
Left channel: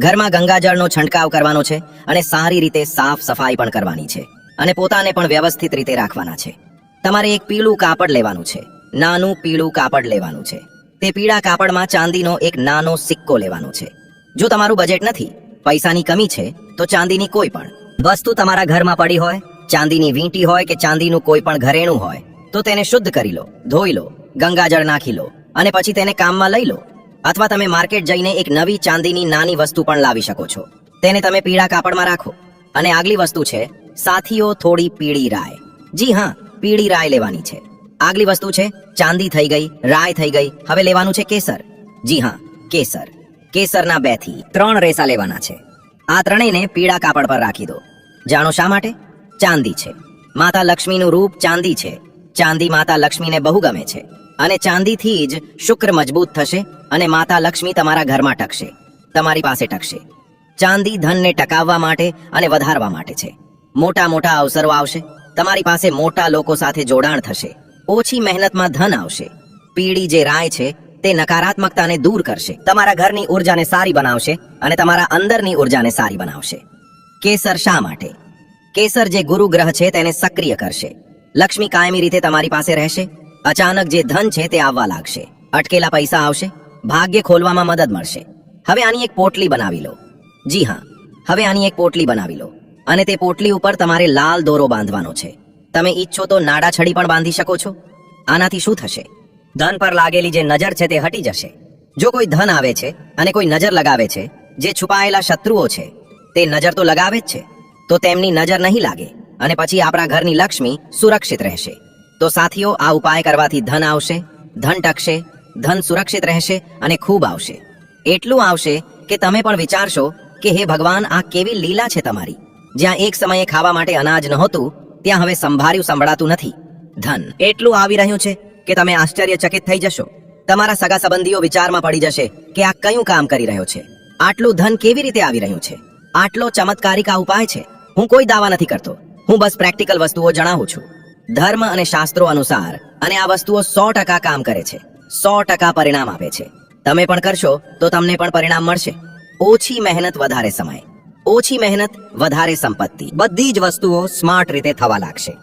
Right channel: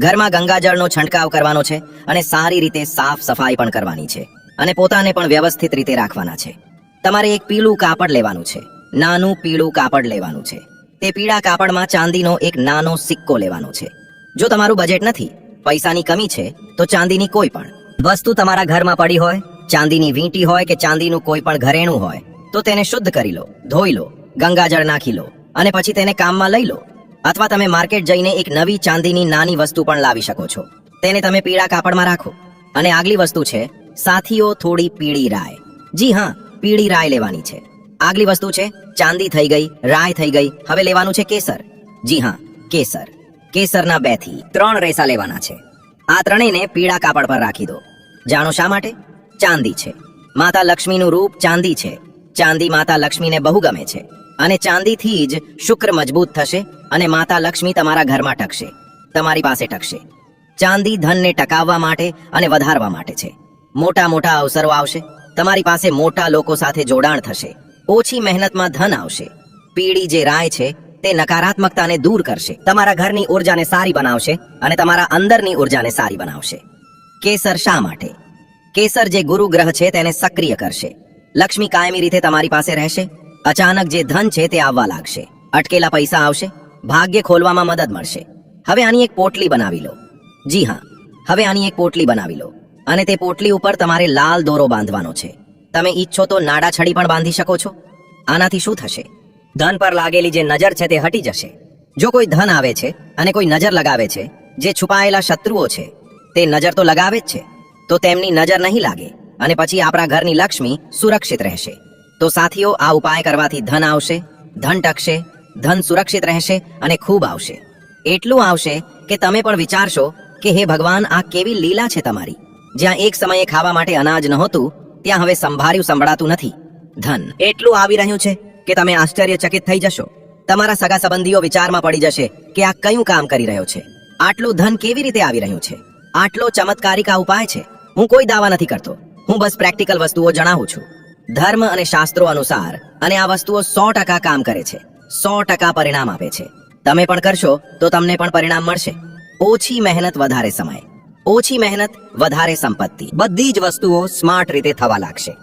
ઘરમાં ગંગાજળનો છંટકાવ કરવાનો છે અને સારી રીતે સાફ સફાઈ પણ કરવાની છે અને પોતાને પણ વ્યવસ્થિત રીતે રાખવાના છે. તમારે એક પીળું કાપડ લેવાનું છે. નાનું પીળું કાપડ લેવાનું છે. તે પીળા કાપડમાં ચાંદીનો એક નાનો સિક્કો લેવાનો છે. જો તમારું બજેટ નથી, પૈસાની કમી છે, તો ચાંદીની કોઈ પણ વસ્તુ તમારા ઘરમાં પડી હોય, ચાંદીની વીંટી હોય કે ચાંદીનું કોઈ પણ ઘરેણું હોય, તો તેને શુદ્ધ કરી લો, ધોઈ લો, ગંગાજળ નાખી લો અને પછી તેને કામમાં લઈ લો. અથવા તમે માર્કેટ જઈને એક નવી ચાંદીની નાની વસ્તુ પણ લાવી શકો છો. તેને તમે પીળા કાપડમાં રાખો. અને આગલી વસ્તુ છે, સાથીઓ થોડી પીળી રાય. જી હા, પીળી રાય લેવાની છે. આગલી વસ્તુ છે, ચાંદી થઈ ગઈ, રાય થઈ ગઈ. હવે લેવાનું છે કેસર. જી હા, કેસર. કેસરના બેથી ત્રણ રેસા લેવાના છે. આ ત્રણેયને પીળા કાપડ પર રાખી દો. જાણો શા માટે? ચાંદી છે. માતા લક્ષ્મીનું રૂપ ચાંદી છે. ચાંદી માતા લક્ષ્મીને બહુ ગમે છે. અને ચાંદીથી જ શુક્ર મજબૂત થશે અને માતા લક્ષ્મી તમારા ઘરમાં ટકશે. તમારી પાસે ટકશે. ચાંદી ધનને ટકાવવા માટે અને વધારવા માટે છે. મોટા મોટા અવસરો આવશે. તમારી પાસે મોટા લોકો સાથે જોડાણ થશે. ઓછી મહેનતમાં ધન આવશે. પીળી જે રાય છે, તે નકારાત્મકતાને દૂર કરશે. તમારા ઘરની ઉર્જાને સારી બનાવશે અને તમારા અંદરની ઉર્જાને સારી બનાવશે. કેસર શા માટે? કેસર જે ગુરુ ગ્રહ છે, તેને સક્રિય કરશે. લક્ષ્મી કાયમી રીતે તમારી પાસે રહેશે. અચાનક જે ધન છે, તે આવવા લાગશે. અટકેલા પૈસા આવશે. ભાગ્ય ખોલવામાં મદદ મળશે. હવે આની એક પોટલી બનાવી લો. જી હા. હવે આની એક પોટલી બનાવી લો. અને તે પોટલી ઉપર તમારે લાલ દોરો બાંધવાનો છે. તમે ઈચ્છો તો નાડા છડી પણ બાંધી શકો છો. આનાથી શું થશે? ધન પર લાગેલી જે નજર છે તે હટી જશે. જો કોઈ ધન આવે છે અને કોઈ નજર લગાવે છે, જે છુપાયેલા શત્રુઓ છે, તે નજર તો લગાવે જ છે. તો તેમની નજર નહીં લાગે અને પછી આપણા ઘરની લક્ષ્મી સુરક્ષિત રહેશે. તો સાથીઓ, આ ઉપાય કરવાથી ધન આવશે, ધન ટકશે, ધન સુરક્ષિત રહેશે અને ખૂબ આવશે. એટલું આવશે કે તમે પણ વિચારશો કે હે ભગવાન, આ કેવી લીલા છે તમારી. જ્યાં એક સમયે ખાવા માટે અનાજ નહોતું ત્યાં હવે સંભાર્યું સંભળાતું નથી. ધન, એટલું આવી રહ્યું છે કે તમે આશ્ચર્યચકિત થઈ જશો. તમારા સગા સંબંધીઓ વિચારમાં પડી જશે કે આ કયું કામ કરી રહ્યો છે. આટલું ધન કેવી રીતે આવી રહ્યું છે? આટલો ચમત્કારિક આ ઉપાય છે. હું કોઈ દાવા નથી કરતો. હું બસ પ્રેક્ટિકલ વસ્તુઓ જણાવું છું. ધર્મ અને શાસ્ત્રો અનુસાર, અને આ વસ્તુઓ સો ટકા કામ કરે છે. સો ટકા પરિણામ આપે છે. તમે પણ કરશો તો તમને પણ પરિણામ મળશે. ઓછી મહેનત વધારે સમય. ઓછી મહેનત, વધારે સંપત્તિ. બધી જ વસ્તુઓ સ્માર્ટ રીતે થવા લાગશે.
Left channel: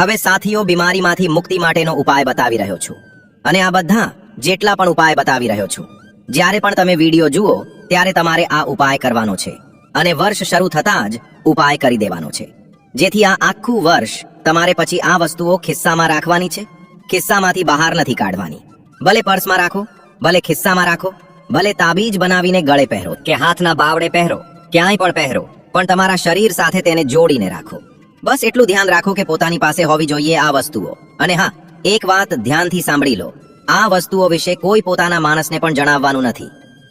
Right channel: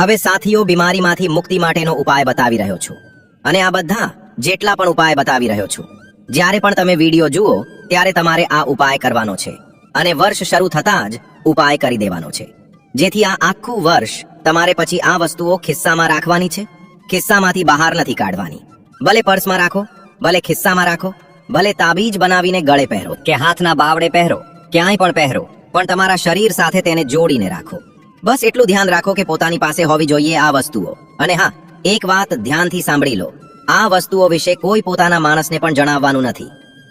હવે સાથીઓ, બીમારીમાંથી મુક્તિ માટેનો ઉપાય બતાવી રહ્યો છું. અને આ બધા જેટલા પણ ઉપાય બતાવી રહ્યો છું. જ્યારે પણ તમે વીડિયો જુઓ, ત્યારે તમારે આ ઉપાય કરવાનો છે. અને વર્ષ શરૂ થતાં જ ઉપાય કરી દેવાનો છે. જેથી આ આખું વર્ષ તમારે પછી આ વસ્તુઓ ખિસ્સામાં રાખવાની છે. ખિસ્સામાંથી બહાર નથી કાઢવાની. ભલે પર્સમાં રાખો, ભલે ખિસ્સામાં રાખો, ભલે તાબીજ બનાવીને ગળે પહેરો કે હાથના બાવડે પહેરો. ક્યાંય પણ પહેરો, પણ તમારા શરીર સાથે તેને જોડીને રાખો. બસ એટલું ધ્યાન રાખો કે પોતાની પાસે હોવી જોઈએ આ વસ્તુઓ. અને હા, એક વાત ધ્યાનથી સાંભળી લો. આ વસ્તુઓ વિશે કોઈ પોતાના માણસને પણ જણાવવાનું નથી.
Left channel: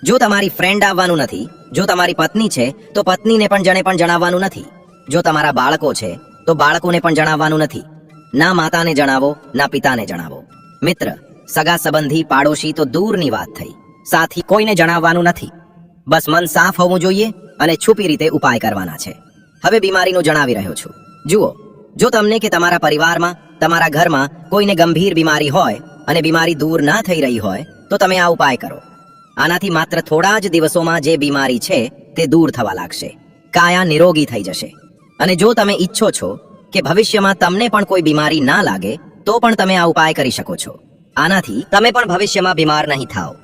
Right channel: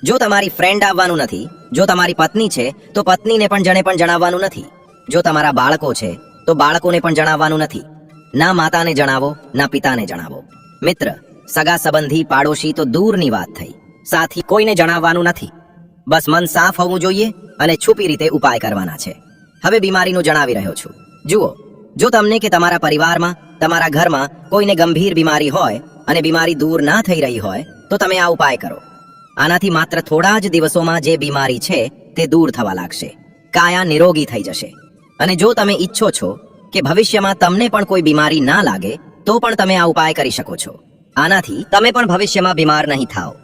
જો તમારી ફ્રેન્ડ આવવાનું નથી, જો તમારી પત્ની છે, તો પત્નીને પણ જણે પણ જણાવવાનું નથી. જો તમારા બાળકો છે, તો બાળકોને પણ જણાવવાનું નથી. ના માતાને જણાવો, ના પિતાને જણાવો. મિત્ર, સગા સંબંધી પાડોશી તો દૂરની વાત થઈ. સાથી કોઈને જણાવવાનું નથી. બસ મન સાફ હોવું જોઈએ અને છુપી રીતે ઉપાય કરવાના છે. હવે બીમારીનું જણાવી રહ્યો છું. જુઓ, જો તમને કે તમારા પરિવારમાં, તમારા ઘરમાં કોઈને ગંભીર બીમારી હોય અને બીમારી દૂર ના થઈ રહી હોય, તો તમે આ ઉપાય કરો. આનાથી માત્ર થોડા જ દિવસોમાં જે બીમારી છે, તે દૂર થવા લાગશે. કાયા નિરોગી થઈ જશે. અને જો તમે ઈચ્છો છો કે ભવિષ્યમાં તમને પણ કોઈ બીમારી ના લાગે, તો પણ તમે આ ઉપાય કરી શકો છો. આનાથી તમે પણ ભવિષ્યમાં બીમાર નહીં થાઓ.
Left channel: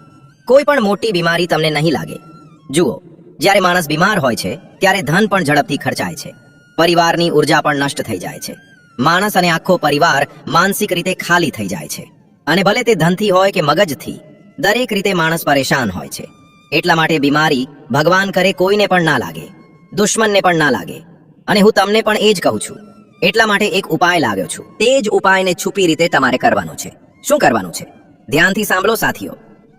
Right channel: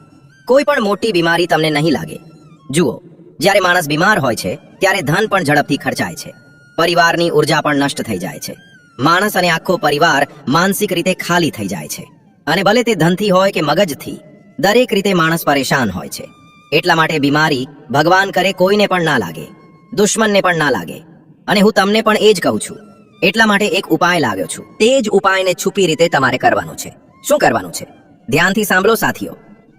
કોઈ પણ મોટી બીમારી તમને નહીં લાગે. જુઓ, જ્યારે માણસ બીમાર હોય છે, ત્યારે ધન પણ ઝડપથી ખર્ચાય છે. પરિવારની ઊર્જા પણ નષ્ટ થઈ જાય છે. માણસ અને આખો પરિવાર માનસિક રીતે ખાલી થઈ જાય છે. અને ભલે તે ધનથી હોય કે મગજથી, દરેક રીતે માણસ પરેશાન હોય છે. એટલા માટે બીમારી ભગવાન કરે કોઈને પણ ના લાગે, દુશ્મનને પણ ના લાગે. અને હું તમને પણ એ જ કહું છું, એટલા માટે એક ઉપાય લાવ્યો છું. તે જ ઉપાયને છુપી રીતે તમારે કરવાનું છે. શું કરવાનું છે? ધ્યાનથી સાંભળો, સાથીઓ.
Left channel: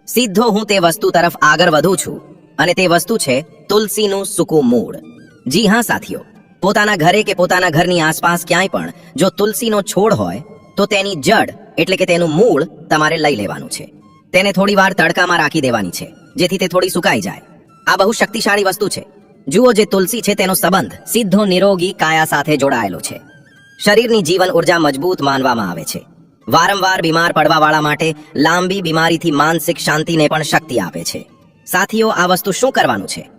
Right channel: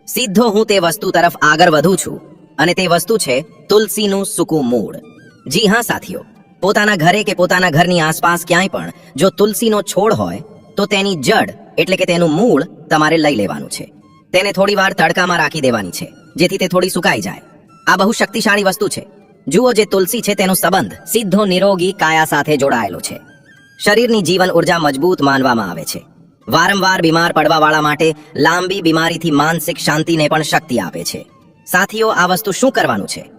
સીધો હું તે વસ્તુ તરફ આગળ વધું છું. અને તે વસ્તુ છે તુલસીનું સૂકું મૂળ. જી હા, સાથીઓ. પોતાના ઘરે કે પોતાના ઘરની આસપાસ ક્યાંય પણ જો તુલસીનો છોડ હોય, તો તેની જડ, એટલે કે તેનું મૂળ, તમારે લઈ લેવાનું છે. તેને થોડી વાર તડકામાં રાખી દેવાની છે, જેથી તે થોડી સુકાઈ જાય. આ બહુ શક્તિશાળી વસ્તુ છે. જુઓ જે તુલસી છે, તેનો સંબંધ સીધો નિરોગી, કાયા સાથે જોડાયેલો છે. શરીરની જીવન ઊર્જા મજબૂત માનવામાં આવે છે. વારંવાર બીમાર પડવાવાળા માટે લાંબી બીમારીથી માનસિક શાંતિને પણ શક્તિ આપે છે. સાથીઓ, આ વસ્તુ શું કરવાનું છે?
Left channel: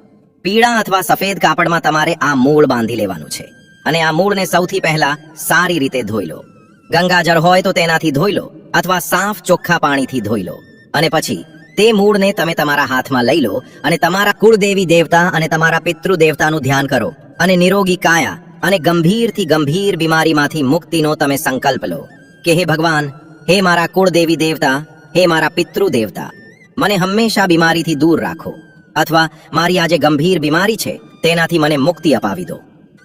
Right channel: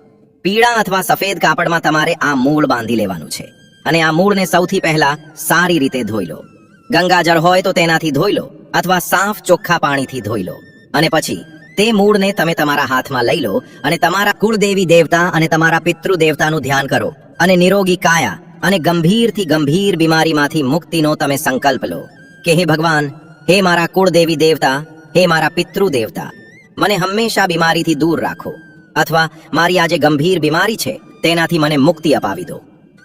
પીળા અથવા સફેદ કાપડમાં તમારે આ મૂળ બાંધી લેવાનું છે. અને આ મૂળને સૌથી પહેલા સારી રીતે ધોઈ લો. ગંગાજળ હોય તો તેનાથી ધોઈ લો અથવા સાફ ચોખ્ખા પાણીથી ધોઈ લો. અને પછી તે મૂળને તમે તમારા હાથમાં લઈ લો અને તમારા કુળદેવી દેવતા અને તમારા પિતૃ દેવતાનું ધ્યાન કરો. અને નિરોગી કાયા અને ગંભીરથી ગંભીર બીમારીમાંથી મુક્તિનો તમે સંકલ્પ લો કે, હે ભગવાન, હે મારા કુળદેવી દેવતા, હે મારા પિતૃ દેવતા મને હંમેશા બીમારીથી દૂર રાખો. અથવા મારી આજે ગંભીર બીમારી છે, તેનાથી મને મુક્તિ અપાવી દો.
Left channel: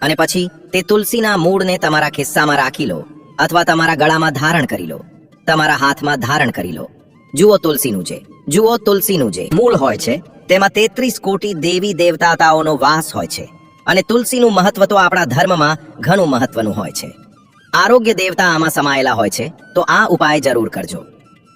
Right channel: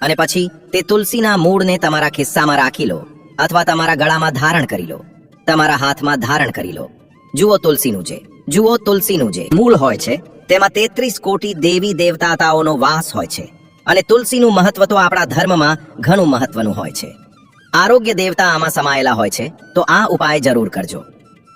અને પછી તે તુલસીના મૂળને તમારા ખિસ્સામાં રાખી લો, અથવા તમારા ગળામાં ધારણ કરી લો. તમારા હાથમાં ધારણ કરી લો. જુઓ તુલસીનું છે જુઓ તુલસીનું જે મૂળ હોય છે, તેમાં તેત્રીસ કોટી દેવી દેવતાતાઓનો વાસ હોય છે. અને તુલસીનું મહત્વ તો આપણા ધર્મમાં ઘણું મહત્વનું હોય છે. આરોગ્ય દેવતા આમાં સમાયેલા હોય છે, તો આ ઉપાય જરૂર કરજો.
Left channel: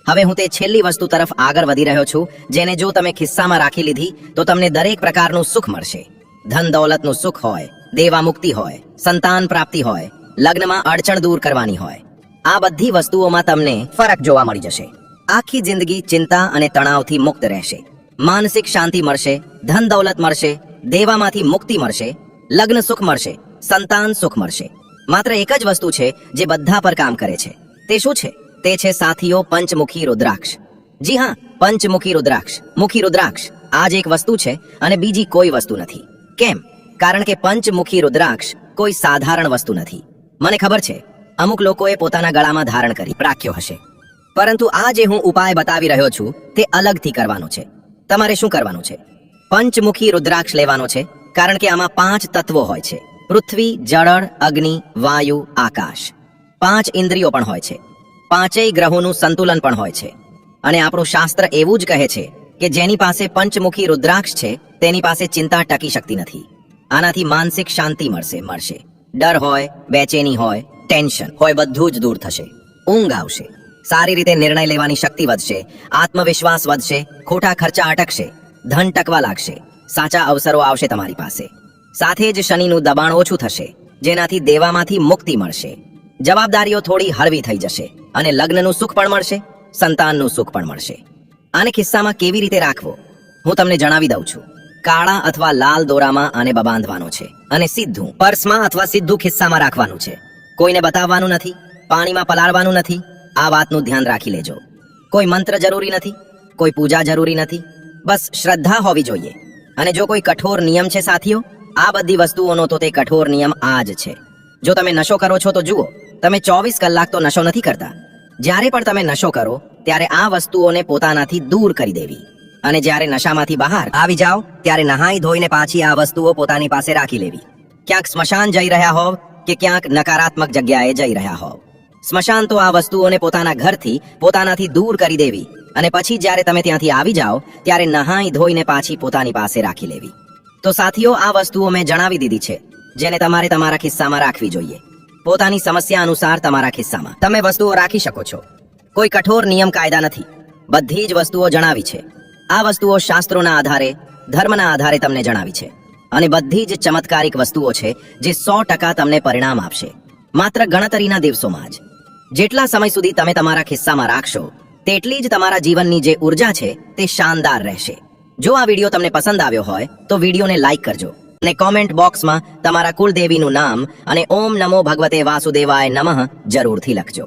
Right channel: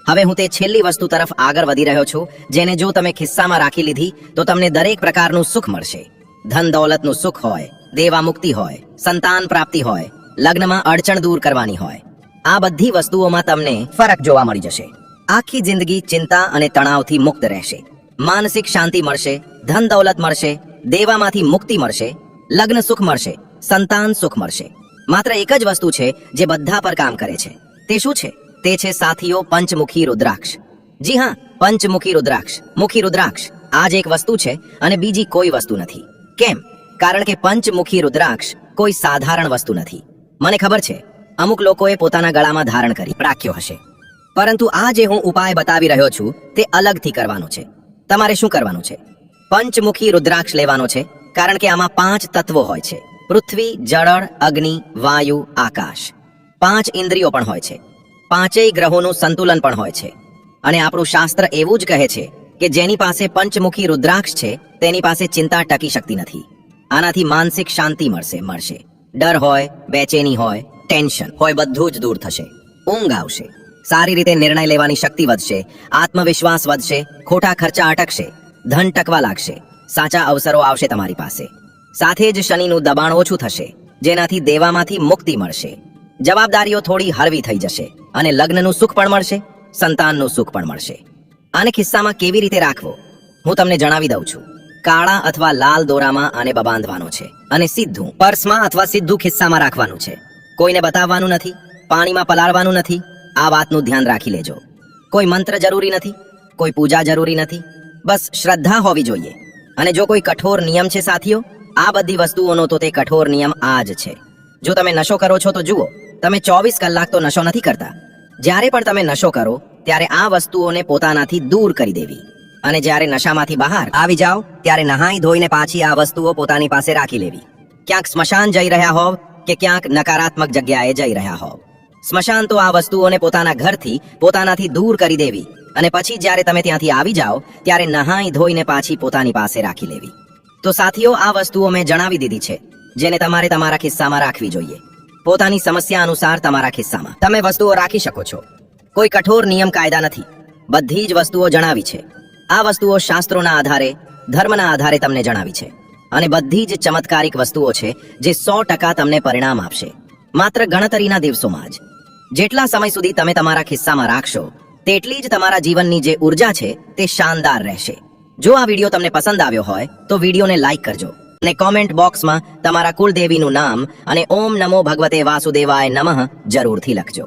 હવે હું તે છેલ્લી વસ્તુ તરફ આગળ વધી રહ્યો છું, જેને જો તમે ખિસ્સામાં રાખી લીધી, તો તમને દરેક પ્રકારનું સુખ મળશે. ધન દૌલતનું સુખ હોય, દેવા મુક્તિ હોય, સંતાન પ્રાપ્તિ હોય, લગ્નમાં અડચણ દૂર કરવાની હોય. આ બધી વસ્તુઓમાં તમને ફરક જોવા મળી જશે. આખી જિંદગી ચિંતા અને તણાવથી મુક્ત રહેશે. માનસિક શાંતિ મળશે, ધન દૌલત મળશે, દેવામાંથી મુક્તિ મળશે, લગ્ન સુખ મળશે, સંતાન સુખ મળશે. માત્ર એક જ વસ્તુ છે, જે બધા પર કામ કરે છે. તે શું છે? તે છે સાથીઓ પંચમુખી રુદ્રાક્ષ. જી હા, પંચમુખી રુદ્રાક્ષ. મુખી રુદ્રાક્ષ આ જ એક વસ્તુ છે અને બીજી કોઈ વસ્તુ નથી. કેમ? કારણ કે પંચમુખી રુદ્રાક્ષ કોઈ સાધારણ વસ્તુ નથી. મને ખબર છે, અમુક લોકોએ પોતાના ગળામાં ધારણ કરી રાખ્યો હશે. પરંતુ આ જે હું ઉપાય બતાવી રહ્યો છું, તે અલગથી કરવાનો છે. તમારે શું કરવાનું છે? પંચમુખી રુદ્રાક્ષ લેવાનો છે, કારણ કે આમાં પાંચ તત્વો હોય છે. પૃથ્વી, જળ, અગ્નિ, વાયુ, આકાશ. પાંચ ઇન્દ્રિયો પણ હોય છે. પાંચેય ગ્રહોનું સંતુલન પણ હોય છે. અને આપણું શાસ્ત્ર એવું જ કહે છે કે જેની પાસે પંચમુખી રુદ્રાક્ષ છે, તેની પાસે ચિંતા ટકી શકતી નથી. આનાથી માનસિક શાંતિ મળશે મળશે. ડર હોય, બેચેની હોય, ટેન્શન હોય, બધું જ દૂર થશે. ઊંઘ આવશે. સારી રીતે નિર્ણય લેવાની શક્તિ વધશે, આત્મવિશ્વાસ વધશે, ખોટા ખર્ચા અટકશે, ધન ટકવા લાગશે, સાચા અવસરો આવશે તમારી પાસે. સાથે જ શનિનું દબાણ ઓછું થશે, જેનાથી દેવામાંથી મુક્તિ મળશે. જવાબદારીઓ થોડી હળવી થઈ જશે. અને લગ્નનું સુખ પણ મળશે, સંતાનનું સુખ પણ મળશે. આને ખિસ્સામાં કેવી રીતે રાખવો? હું તમને જણાવી દઉં છું. કાળા અથવા લાલ દોરામાં આને બાંધવાનો છે અને સીધું પર્સમાં અથવા સીધું ખિસ્સામાં રાખવાનું છે. કોઈને બતાવવાનું નથી, પાણીમાં પલાળવાનું નથી. આ વાતનું ધ્યાન રાખી લેજો. કોઈ મંત્ર જરૂરી નથી, કોઈ પૂજા જરૂરી નથી. બસ શ્રદ્ધા હોવી જોઈએ. અને જો કોઈ કઠોર નિયમ છે સાથીઓ, આ બધી વસ્તુઓનો તો તે કઠોર નિયમ આ જ છે. જો તમે નશો કરો છો તો જુઓ, તમે ચોવીસ કલાક તો નશો નથી કરતા. જ્યારે પણ તમે નશો કરો, ત્યારે આ વસ્તુઓને પોતાનાથી દૂર કરી દેવી. અને જ્યારે નશામાંથી બહાર આવી જાઓ, ત્યારે નહાઈ ધોઈને પાછી આ વસ્તુઓ પોતાની પાસે રાખી લેવી. ક્યાંક સ્મશાન જઈ રહ્યા હોવ કે ક્યાંક નકારાત્મક જગ્યાએ જઈ રહ્યા હોવ. સ્મશાન તો આ વસ્તુઓને પોતાના ઘરથી, પોતાનાથી દૂર કરી દેવી. અને પછી જ્યારે તમે ત્યાંથી આવી જાઓ, ત્યારે નહાઈ ધોઈને પાછી પોતાની પાસે રાખી લેવી. તો સાથીઓ, આ વસ્તુઓ મેં જણાવી દીધી છે, જેને તમારે તમારા ખિસ્સામાં રાખવી જોઈએ. પોતાની સમસ્યા અનુસાર તમારા ખિસ્સામાં. તમે વસ્તુઓ રાખી શકો છો. કોઈ કઠોર નિયમ કાયદા નથી. બધી જ વસ્તુઓ જણાવી છે. આ વસ્તુઓ શાસ્ત્રોના આધારે, ધર્મના આધારે તમને જણાવી છે. અને બધી જ ચમત્કારિક વસ્તુઓ છે જે સો ટકા તમને પરિણામ આપશે. માત્ર ગણતરીના દિવસોમાં જ. જેટલા સમય સુધી તમે તમારા ખિસ્સામાં રાખશો, તેટલી જ તમારા જીવનની જે ઊર્જા છે તે શાનદાર રહેશે. જો આ વીડિયો તમને પસંદ આવ્યો હોય, તો વિડીયોને લાઈક કરજો. અને કોમેન્ટ બોક્સમાં તમારા કુળદેવીનું નામ અને ઓમ નમો ભગવતે વાસુદેવાય નમઃ જરૂરથી લખજો.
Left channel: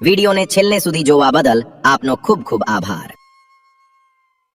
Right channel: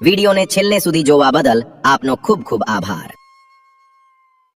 વિડીયોને છેલ્લે સુધી જોવા બદલ આપનો ખૂબ ખૂબ આભાર.